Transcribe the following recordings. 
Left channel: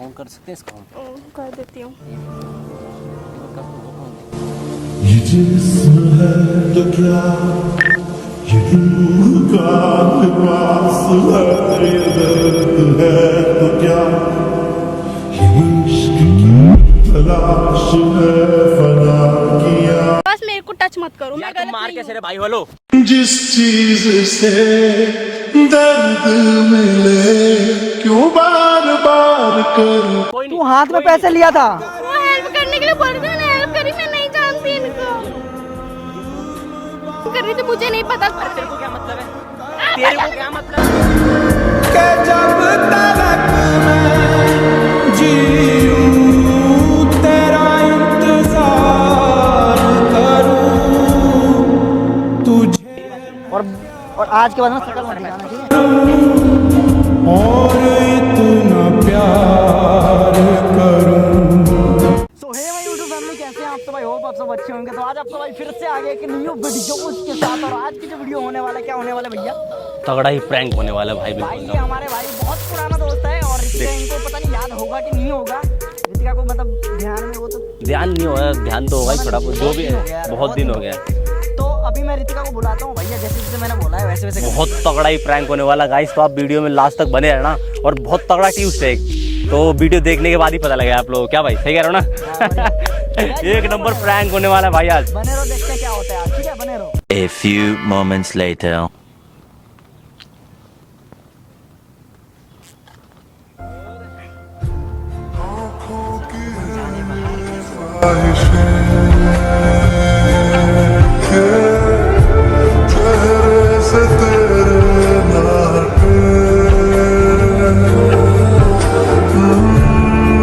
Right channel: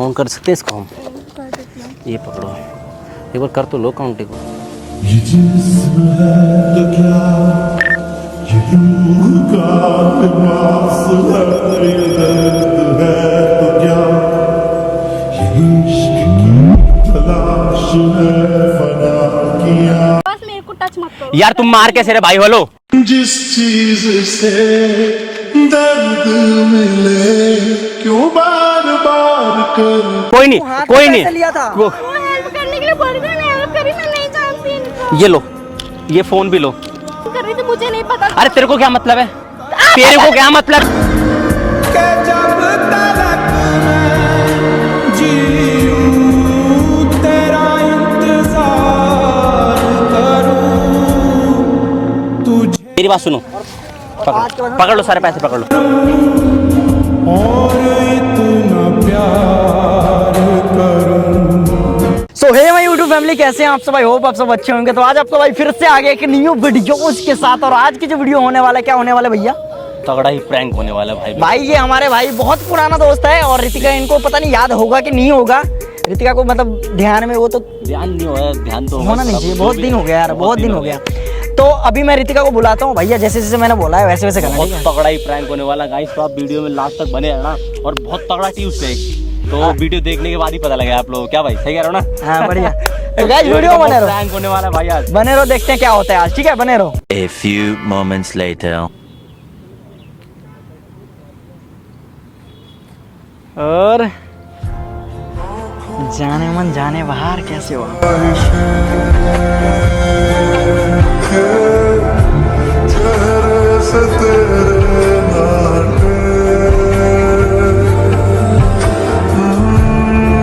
Count कर सकते हैं इसको हम? ये पकड़ो, एक बार कर तो लो काउंट। ये जिस्म है तो क्या, ये रूह का लिबास है, ये दर्द है तो क्या, ये इश्क की तलाश है फना किया। बस मेरे को टच मत करो यार तुम मार कैसे रे भाई? बोलो। जिस चीज से दर्द मिले क्यों बार बार कर। कोई नहीं, कोई नहीं। लिया था वो हेल्प करने के लिए बोल रही है, हेल्प करी, मैं नहीं जानती इनको। ये लो, ये फोन भी लो। कर रही थी, मुझे नहीं पता। अरे तेरे को क्या मतलब है? तेरे को क्या मतलब? के जब तलक मैं जीऊं तेरा इंतजार करूं तुझे। मेरी बात सुनो, आज के बाद पकड़ लो सारे पैसे, पकड़ लो। और इतना प्यार करूं। सो हे माय यूट्यूब फैमिली, कैसे हैं आप सब? आई होप आप सब अच्छे होंगे। तो आज आपका भाई फिर से आ गया एक न्यू वीडियो के साथ। और आज की जो वीडियो होने वाला है, क्या होने वाला है भैया? तगड़ा ही प्रैंक होने वाला है भाई। ये हमारे भाई बहुत पुराना दोस्त है और रितिका, इनको पता नहीं याद होगा कि नहीं होगा। रितिका को मतलब ध्यान में वो तो ध्यान नहीं होगा, ध्यान तो होना नहीं चाहिए। बहुत दिन हो गया यार, बहुत दिन हो गया। तो अभी मैं रितिका को बुलाता हूँ। भैया जैसे जैसे मैंने बोला है वैसे वैसे करना। बहुत तगड़ा ही प्रैंक होने वाला गाइस, तो आप वीडियो में लास्ट तक बने रहना। और बहुत तगड़ा ट्विस्ट है, तो वीडियो देखने के बाद ही पता लगेगा आप लोग। क्या भाई, सही कह रहे हो ना? हाँ बढ़िया। तो गाइस वीडियो बने रहो, प्रैंक होने वाला है भाई आज। बने रहो, देखते हैं क्या होता है आज। ठीक है, बने रहो। A few moments later. और जाने मन जाने बाहर कैसे हो? चेहरे से तेरे नाटे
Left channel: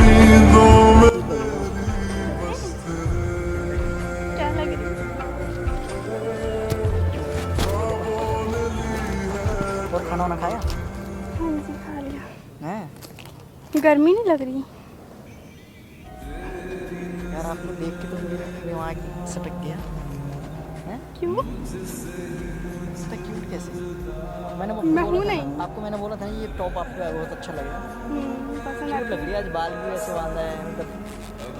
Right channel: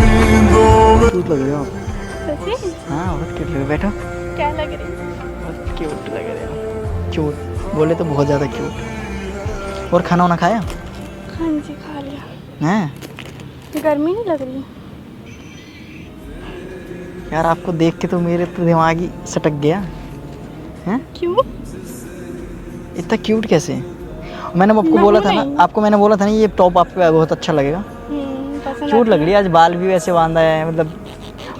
नींदों में। हाँ बैठो। क्या लग रही है? क्यूट लग रहा है। क्यूट बोले तो बहुत ज्यादा क्यूट। और खाना वाना खाया? हाँ जी, खा लिया। हैं गर्मी नहीं लग रही? यार आपको देख के तो मेरे तो दिमाग ही सटक गया। हैं क्यों? इतना क्यूट कैसे? मैंने आपको बोला था ना, आपको मैंने बोला था ना, ये टॉप आपको बहुत अच्छा लगेगा। पसंद क्यूट लग रही है। आज बाल भी वैसे बांधा है, मतलब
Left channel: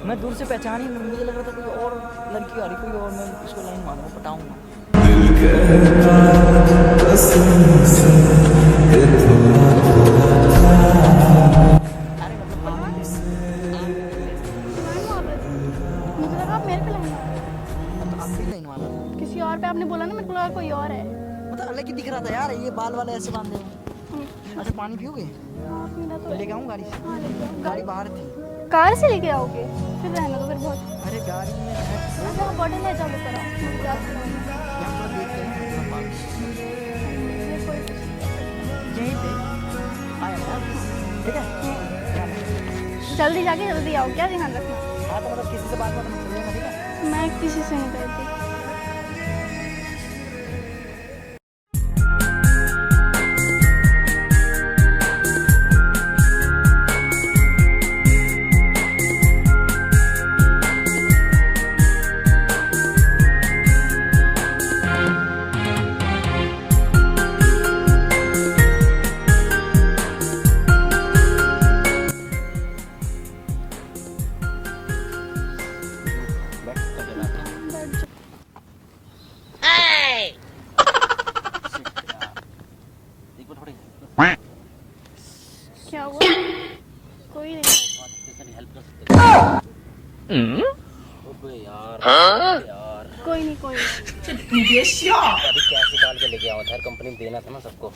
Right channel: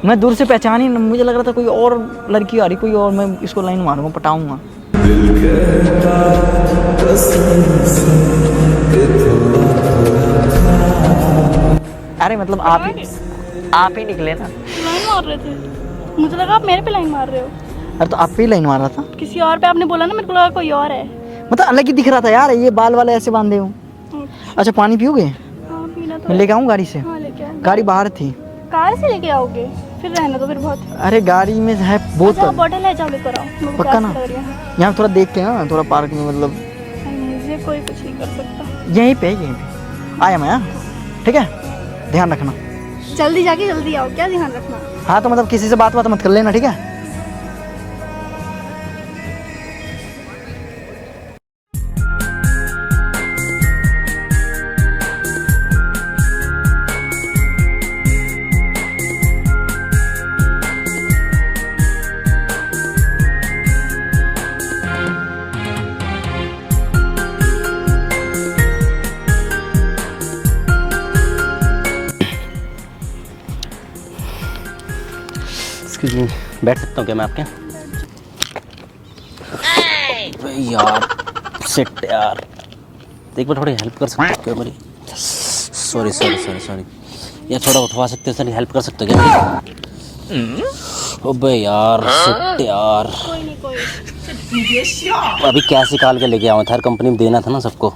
मैं दूर से पहचान ही, मुझे लग रहा था कोई और लड़की आ रही, कोई और, मैं इसको लाइन मारूंगा, पटाऊंगा। दिल कहता कसम से कि थोड़ा थोड़ा। अरे मतलब आप ही निकले ना। लाइन मार रहे थे, मुझे लगा आप मेरे पे लाइन मार रहे हो। अरे तो आप पे ही लाइन मार रहा था। किसी और पे आपने बोला ना, मेरे को लगा कोई और है। मतलब अलग ही दिख रहा था यार, ये बाल वाले ऐसे बांधे हो। अच्छा पानी पियोगे? हाँ पीना तो मैं लेके आऊँ गाड़ी से? हाँ लेके आए। गाड़ी बाहर थी। कार से लेके आओगे? फिर रहना तो फिर बहुत। अरे गाड़ी में है अच्छा, बोतल। बॉटल है, चालू कराओ। मेरे को पक्का प्यास ना? लग रही है। यहाँ थोड़ा देख के ना, थोड़ा पार्क में, मतलब मुझे कोई कुछ नहीं कर सकता। यहीं पे आया मैं। हाँ ठीक है, ध्यान रखना। जल्दी जाके जल्दी आओ, क्या ध्यान रखना? हाँ तो मतलब किसी से बात मत कर लेना, ठीक है? मैं किसी से नहीं करती। बैठ सकता हूँ क्या मैं आपके? यार सिट यार, एक बार थोड़ी हेल्प कर सकते हो क्या मेरी? सॉरी यार, थोड़ा उठवा सकते हो सर? हेल्प कर सकते हो क्या? अबे यार सिट यार, अभी कैसे निकाल के लेके आऊँ? हर कंपनी में देना था ना सबको।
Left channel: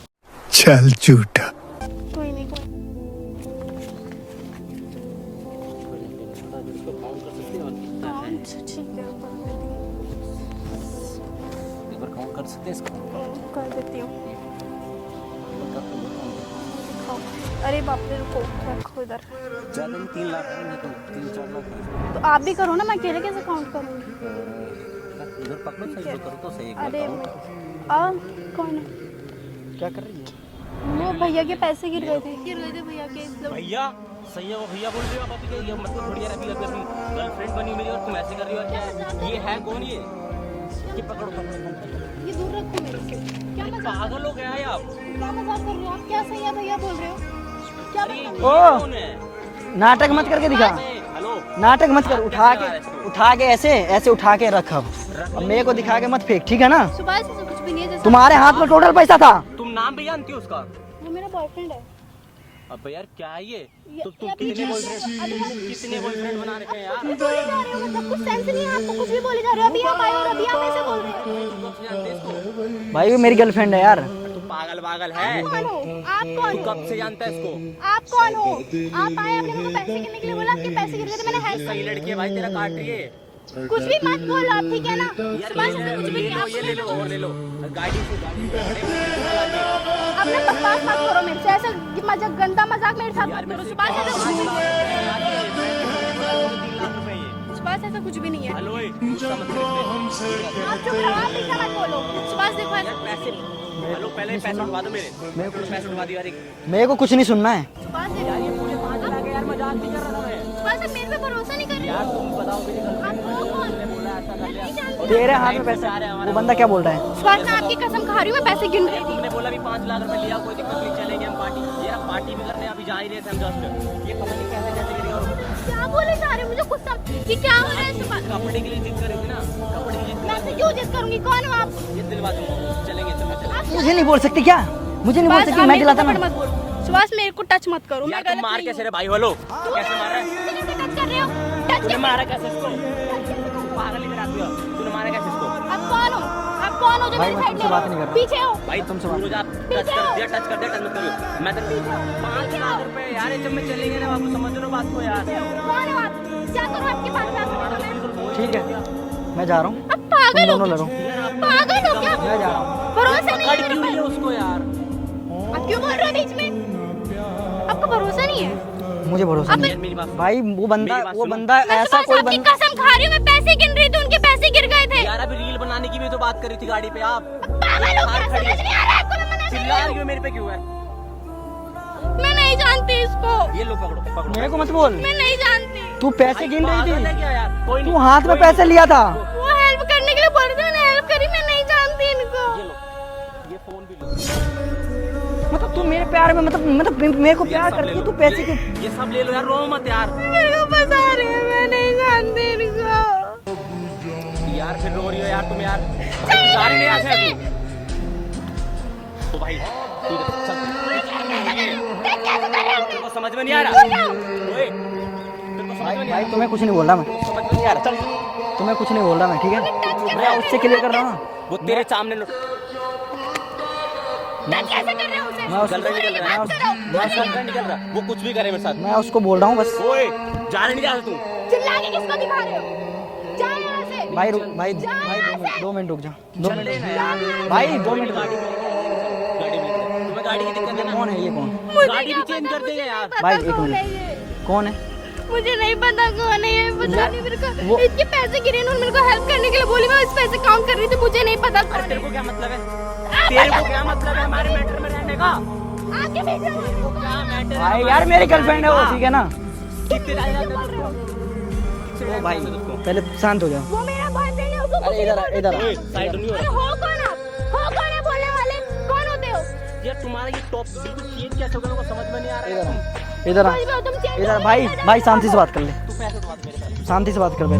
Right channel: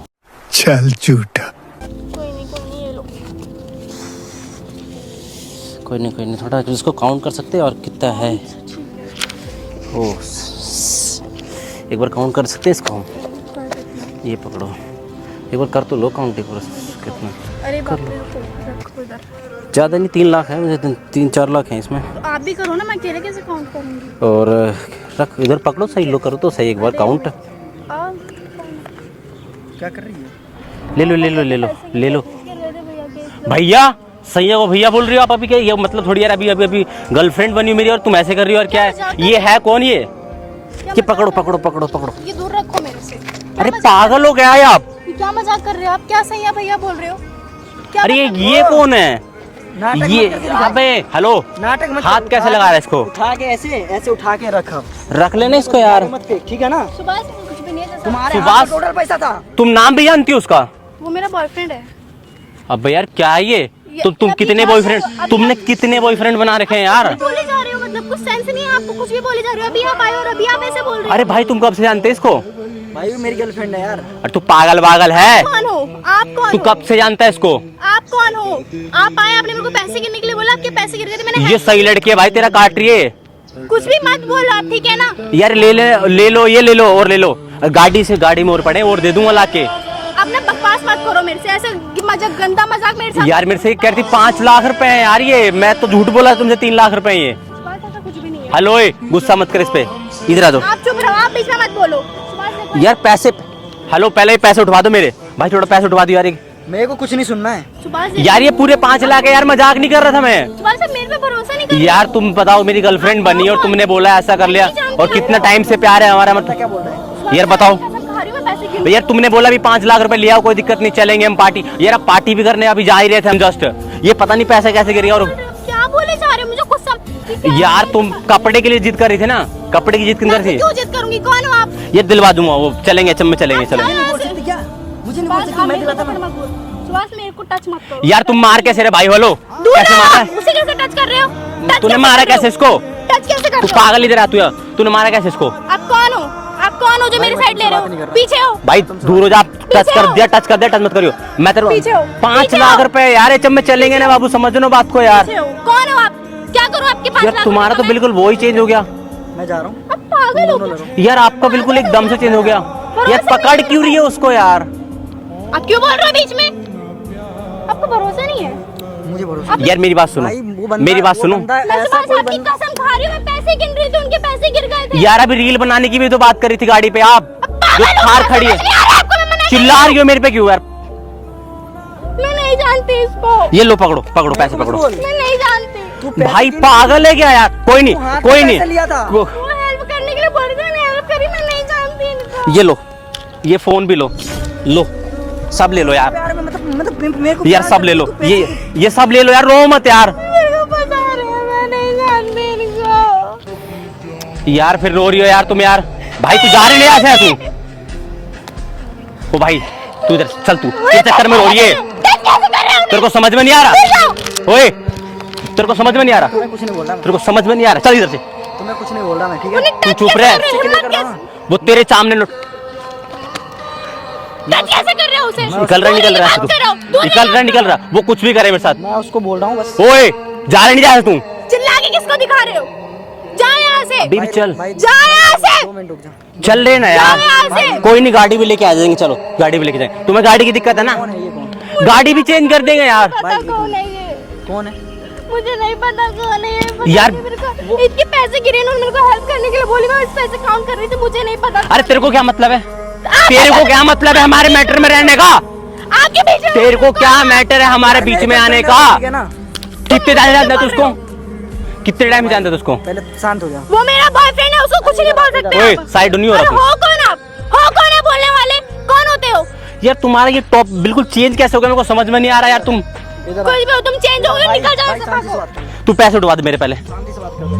चल झूठा। कोई नहीं, थोड़ा इसको काउंट कर सकते हैं और कितना है? ओ एक बार काउंट कर सकते हैं इसको हम? ये पकड़ो, एक बार कर तो लो काउंट। एक बार कितना? अरे बाप रे, ज़्यादा नहीं, 3 लाख है मुझे, 3-4 लाख हैं इसमें। तो आप भी करो ना, मैं अकेले कैसे काउंट करूँगी? और रख इधर, पकड़ो सही, लो करो तो सही, एक बार काउंट। आओ, क्या कर रही है? ले लो भैया। सही है वो भैया बोल रही हो आप अभी? क्या ये मतलब थोड़ी यार, अभी गर्लफ्रेंड बनी मेरी और तुम ऐसे कर रही हो? और क्या है ये? है कौन ये? पकड़ो। ये दूर रखो मेरे से। अरे पागल हो गया है आप? क्या मजाक कर रहे हो आप? क्या सही है भैया बोल रहे हो? क्या अरे ये कौन है? नाटक ये मत करके दिखा। अबे हेलो, नाटक मत हाथ कर, कैसे लगा रहा है इसको? उठा के ऐसे उठा के रखा, रख लेने मेरे को इसको दिखा यार। के मत फेंक, ठीक है ना? सुभाष कुछ भी नहीं है। तुम्हारे हाथ में टोटल पैसा था। तुम नाम भी जानती हो उसका? वो मेरा बॉयफ्रेंड है। अबे यार क्या है ये? तुम ये कितने अभी बॉयफ्रेंड, जानते हो? तुमने कितने बॉयफ्रेंड बना रखे हैं यार? बोले जा रहे हो, मतलब कुछ सेंस नहीं है आपको, कुछ भी बोले जा रहे हो। अभी आप आए और अभी आप ऐसे बोल रहे हो। अरे भाई तुम कब से जानते हैं इसको? भाई वो मेरी गर्लफ्रेंड है यार। अरे तू पागल है? कौन हो आप? कौन तू हो कब से जानता है इसको? आप? कौन हो आप? आए आपने मेरे को पैसे गिरने के लिए बोला, आपके पैसे गिर गए थे। मैंने ये सही लड़की है भाई, तेरा काट रही है कुछ भी मत बोलो आप, ठीक है ना? यार। ले लो ये, ले लो और ले लो। गाड़ी में और पड़े और दे दूंगा लाके। अपना बकवास मत करो मेरे से, ऐसा मजाक, गंदा मजाक मेरे साथ। यार मेरे से कहती 5 लाख रुपए है यार ये, मैं तो झूठ बोला तुमसे 3 लाख रुपए ये। सुभाष ऐसा कुछ भी नहीं है। हेलो गुस्सा मत कर इस पे, इधर आ जाओ आप चुप रहो, आप बीच में मत बोलो। सुभाष देखो, यार। पैसे, हेलो पहले ही पैसे उठवा दो मेरे भाई, थोड़ा पैसे उठवा दो यार। मेरे को कुछ नहीं सुनना है सुभाष यार ये पूरे 5 लाख है यार, मजाक नहीं कर रहा था मैं। सुभाष आप मेरे पे भरोसा नहीं कर रहे। यार तुम बताओ, मेरी गर्लफ्रेंड बनी और तुमने बोला ऐसा कर लिया, और कितना टाइम से प्यार है हमारा, मतलब क्या बोल रहा है? सुभाष, यार बताओ। आपकी कसम खा रही हूँ, मैं पैसे गिनूं। यार तुमने बोला भी 5 लाख रुपए लिया, कोई दिक्कत नहीं, चलेंगे हम पार्टी। यार अब पार्टी भी करने अभी जा ही रहे थे हम जस्ट, ये पता नहीं पैसे कैसे गिर गया। और क्या बोले जा रहे हो? मुझे कुछ समझ क्या यार बोले? तुम कपड़े के लिए जिद कर रही थी ना, कपड़े की जिद किन कर थी? क्यों जिद करूंगी? कौन हो आप? ये दिलवा दूंगा, वो चलेंगे चलेंगे चलो। मुझे नहीं बोल सकती क्या? मुझे नहीं बोल सुभाष, सकती, आप मैं मेरे को दिलाता थप्पड़ हूँ। मत बोलो। सुभाष मेरे को टच मत करो। यार तुम मार कैसे रहे भाई? हेलो दूर कैसे रहो, मारा? उसे कैसे टच कर रहे हो? टच तूने कैसे मारा कर रहे कैसे हो? इसको? टच कैसे कर तू रहे हो? पागल इधर आ तू यार, तूने मारा कैसे इसको? आप कौन हो? आप कौन हो जो मेरी साइड ले रहे हो? पीछे हो। भाई दूर हो जा, टच कर दिया, टच मत करियो। मैं तेरे पीछे हो, 5 पीछे लाख हो। रुपए यार, ये में चलेंगे ना बाबू, समझ लो बात को यार। पीछे हो। कौन हो आप? क्या करूं आपके 5 यार लाख तुम्हारा तो रुपए? बिल्कुल वो ही चेंज हो गया मैं जा रहा हूँ। आप पागल हो कुछ? यार, आपका बिल्कुल एकदम से चेंज हो गया यार। पकड़ क्यों रही है उसको यार? आप क्यों बोल रहे हो बीच में? आपको भरोसा नहीं है? मुझे भरोसा यार मेरी बात सुनो, भाई वो बंदा, मेरी बात वो सुनो बंदा मैं ऐसा सुबह कोई आपकी बंदा कसम खा रही हूँ, मैं पैसे गिन रही थी, उनके पैसे गिर गए थे। यार। अभी रील बनाने की भी तो बात करी थी गाड़ी पे, आप जो पागल हो, थार समझ खड़ी है, नहीं आ रहा आपको, मैं मना कर चिल्ला रही हो मेरे पे क्यों यार? मैं नहीं जानती इसको। ये लो पकड़ो पैसे पकड़ो। मैं नहीं जानती। तू पैसे भाई गिन- पागल है क्या यार? कोई नहीं तू हाथ में कोई नहीं, पैसे लिया था। वो वो हेल्प करने के लिए बोल रही थी, मैंने हेल्प करी। मैं नहीं जानती इनको। ये लो, ये फोन भी लो, सब ले लो यार। प्यार में मतलब मेरे को यार प्यार सब कर- ले लो, तू पैसे- ये सब ले लो यार, रो मत यार। मेरे को बता रही है, मैं नहीं जानती इनको। यार फिर रो रही हो यार तुम यार। भाई तू जा रही नहीं यहाँ से तू? ओ भाई तू इधर चल, तू ये चक्कर में रो रही है, तेरे को समझ में नहीं आ रहा? ओए तेरे को समझ में नहीं आ रहा? तुम्हें कुछ नहीं बोल रहा मैं। तेरे को समझ में नहीं आ रहा? चल इधर से, तुम्हें कुछ नहीं बोल रहा मैं, ठीक है? तू चुप रह। टच वो तेरे सामने कैसे कर रहे हो उसे? निकल रहा है तू, निकल रहा, वो कुछ भी करे मेरे साथ। मैं उसको बोल रहा हूँ बस। ओए जा रहे नहीं, जा रहे तू? चिल्ला के किसको दिखा रहे हो? जाओ यहाँ से। बीबी चल, जाओ यहाँ से। 2 मिनट रुक जा। चल रहे ना यार। यहाँ से। कोई नहीं, गाड़ी भी लेके आ जाएंगे, चलो गाड़ी भी लेके जाएंगे। तुम्हें गाड़ी की दिक्कत है ना, गाड़ी भी चेंज कर देंगे यार। पता कौन है ये? कौन है? मुझे नहीं पता कौन है ये। पता यार- नहीं मेरे को। इतने पैसे गिरे ना, मेरे को हेल्प करने के लिए बोली, मैं उस पैसे काउंट कर रही थी, मुझे नहीं पता। अरे तेरे को क्या मतलब है? तेरे को क्या मतलब है हमारे मैटर में रहने का? आपके बीच में तेरे को क्या मैटर है हमारे बीच में आने का? ठीक है ना? कितने टाइम जानता है तू उसको? कितने टाइम जानता है उसको? पहले शांत हो जा। वो मेरा बॉयफ्रेंड है, उसको कुछ नहीं बोल सकते ओए आप। साइड नहीं हो अरे रहा हो कौन आप? हो कौन है बोलने वाले? कौन होते हो? यार। तुम्हारा ये टॉप बिल्कुल चेंज कैसे हो गया, मेरे को समझ में नहीं आ रहा यार। तुम इधर आ। कुछ भी हो, तुम चेंज हो गए, भाई निकल जाओ। भाई शांति से बात कर ले, तू पैसे उठवा दे मेरे पहले। शांति से बात कर ले।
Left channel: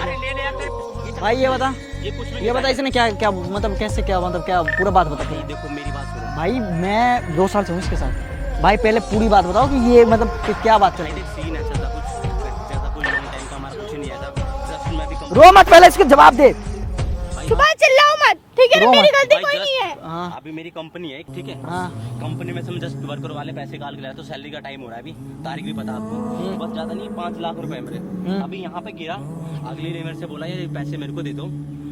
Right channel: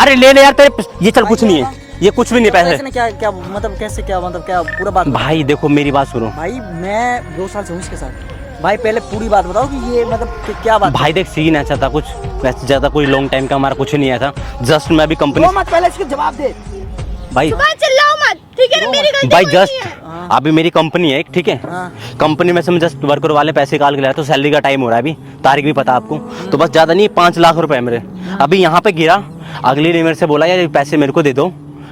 अरे ले ले यार तेरे, ये चल कुछ नहीं है, ये कुछ भी नहीं पैसे पैसे। ने क्या क्या मतलब कैसे क्या मतलब क्या पूरा बात बताओ। भाई देखो मेरी बात सुनो भाई मैं 2 साल से हूँ इसके साथ। भाई पहले पूरी बात बताओ कि ये मतलब कि क्या बात है? भाई देख, सीन ऐसा था कुछ, वैसे ज्यादा कोई लॉन्ग टाइम का हमारा कुछ नहीं आया था। जस्ट मैं भी कंपनी, रो मत, पहले इसके जवाब दे। भाई सुबह चिल्लाओ मत, ठीक है ना? मेरी गलती भाई कोई नहीं जस्ट है। अभी मेरी कंपनी है एक, ठीक है? कंपनी में से मैं जस्ट वर्कर वाले पैसे निकाल के लाया, तो सैलरी का टाइम हो रहा है अभी, तारीख भी पता आपको, तो बस ज्यादा नहीं 5 लाख रुपए है मेरे। अभी यहाँ पे गिरा, अगली ने मेरे से बोला यार ये पैसे मेरे को दे दो,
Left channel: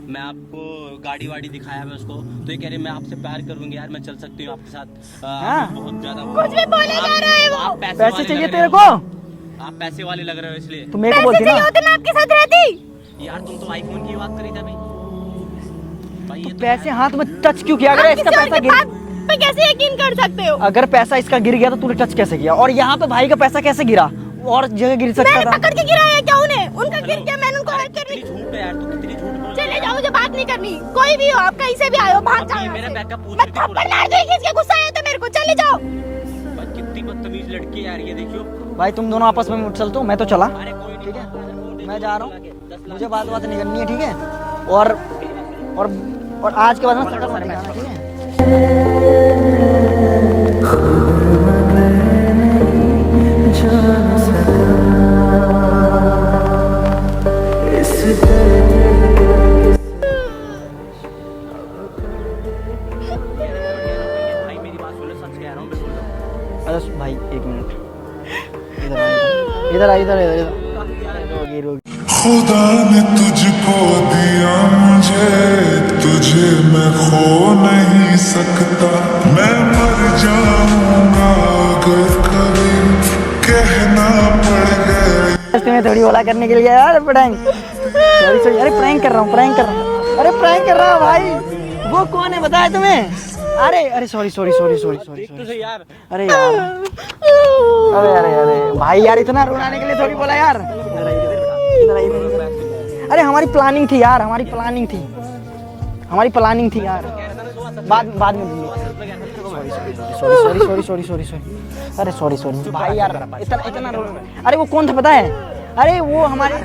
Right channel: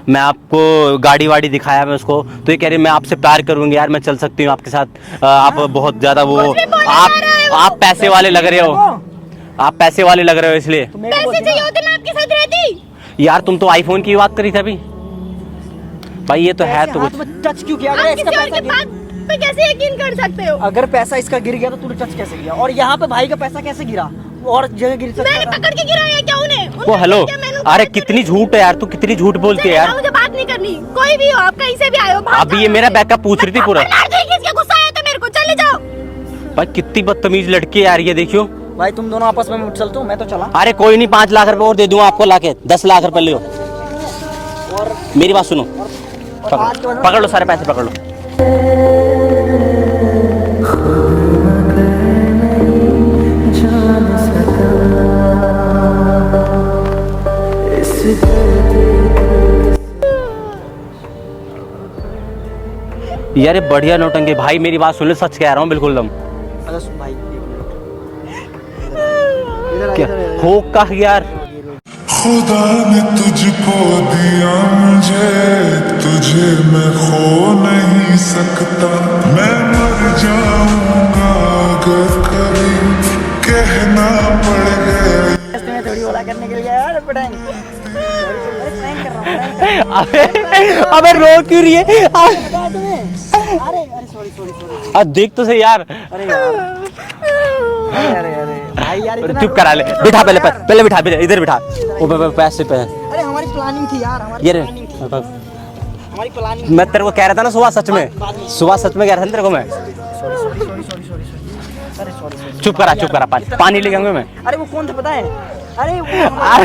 मैं आपको गाड़ी वाड़ी दिखाया मैं उसको, तो ये कह रही मैं आपसे प्यार करूंगी यार, मैं चल सकती हूँ आपके साथ, आप बहुत ज्यादा वो, आप पैसे वाले लग रहे हो, आप पैसे वाले लग रहे हो इसलिए। तू मेरे को पैसे बोलती चाहिए ना। होते मैं आपके साथ रहती। यार तुम तो आईफोन की बात करी थी अभी। भाई ये तो है पैसे तो हाथ में टच क्यों किया? अगर आप इसका किसी और पैसा के गिर, बात पे कैसे यकीन कर सकते हो? अगर पैसा इसका गिर गया तो तूने टच कैसे किया? और यहाँ पे भाई का पैसा कैसे गिरा? और जगह गिर सकता मैंने था। पकड़ के गिराया क्या उन्हें? ओ उन्होंने हेलो, क्या मैंने अरे बात कितनी करी? झूठ है यार, तू कितनी झूठ बोलती है चले यार। जाओ, मुझे बात नहीं करनी। कोई भी हो आप, कहीं से भी आए हो, भाग अभी ये जाओ। मेरा बैकअप पूछ रही थी पूरा। मार देगी, इसके गुस्सा आया तो मेरे को। चले जाओ। भाई कितनी बदतमीज लड़की है यार ये, देखियो भाई तुम दोनों आपस में चल तो मैं तो चला। अरे कोई नहीं, 5 लाख रुपए और दे दूंगा आपको लाके, 10 लाख रुपए लियो। बात नहीं करनी है, ठीक है। और मेरी बात सुनो, आज के बाद पकड़ लो सारे पैसे, पकड़ लो। जान सका इस यार ये बढ़िया नौटंकी भाई, मेरी बात सुन लो, सच कह रहा हूँ बिल्कुल दम। अरे भाई 1 मिनट इधर हो का यार, खुदा ने तुझको दिया मुझे, तुझे मैं खो नहीं सकता। मैं मर जाऊंगा अगर कभी कहना पड़ गया। तुम्हें थोड़ी बोला करने के लिए यार प्रैंक। सॉरी अरे प्रैंक कर रहा हूँ, प्रैंक कर रहा हूँ। अबे रो क्यों रही है? आपने बताया तुम्हें? अरे सॉरी। अब देख तो सही यार। अरे यार अरे भाई यार इतना चुप करा ले, बिठा पहले बिठा, इधर बिठा। ओ पैसे पे, अरे हमारी प्लानिंग थी यार, हमारी ये प्लानिंग थी। मैं तेरे को कह रहा था ना सुबह, सच बाद में। में सुबह सच में कह रहा था तेरे को मैं। सॉरी अरे सॉरी चुप करा, पानी लेके आऊंगा मैं। अरे वो कौन था पता है? अरे वो हमारे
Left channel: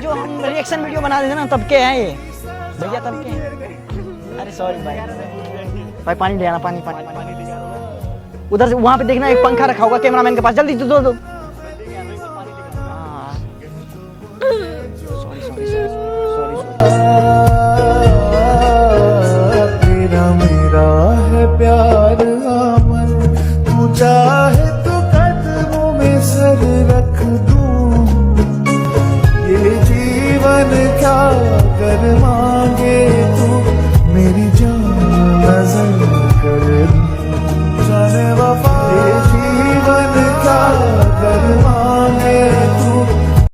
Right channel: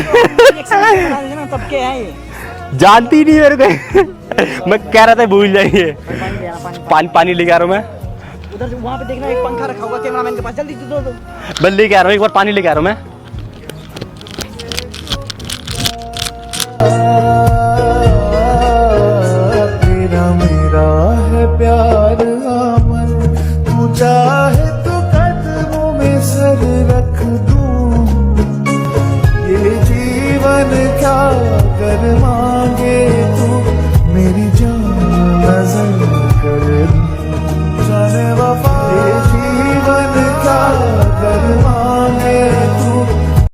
रिएक्शन बना देते ना, तब के आए। जानती नहीं मेरे को। मैं कह रहा था भूल जाइए। भाई पानी ले आना, पानी लेके आ रहा हूँ मैं। उधर से वहाँ पे देखना, एक पंखा रखा होगा कैमरामैन के पास, जल्दी दो। बस लेके आ रहा हूँ, एक बार पानी लेके आ रहा हूँ मैं। तेरा मेरा है प्यार अमर, तू जा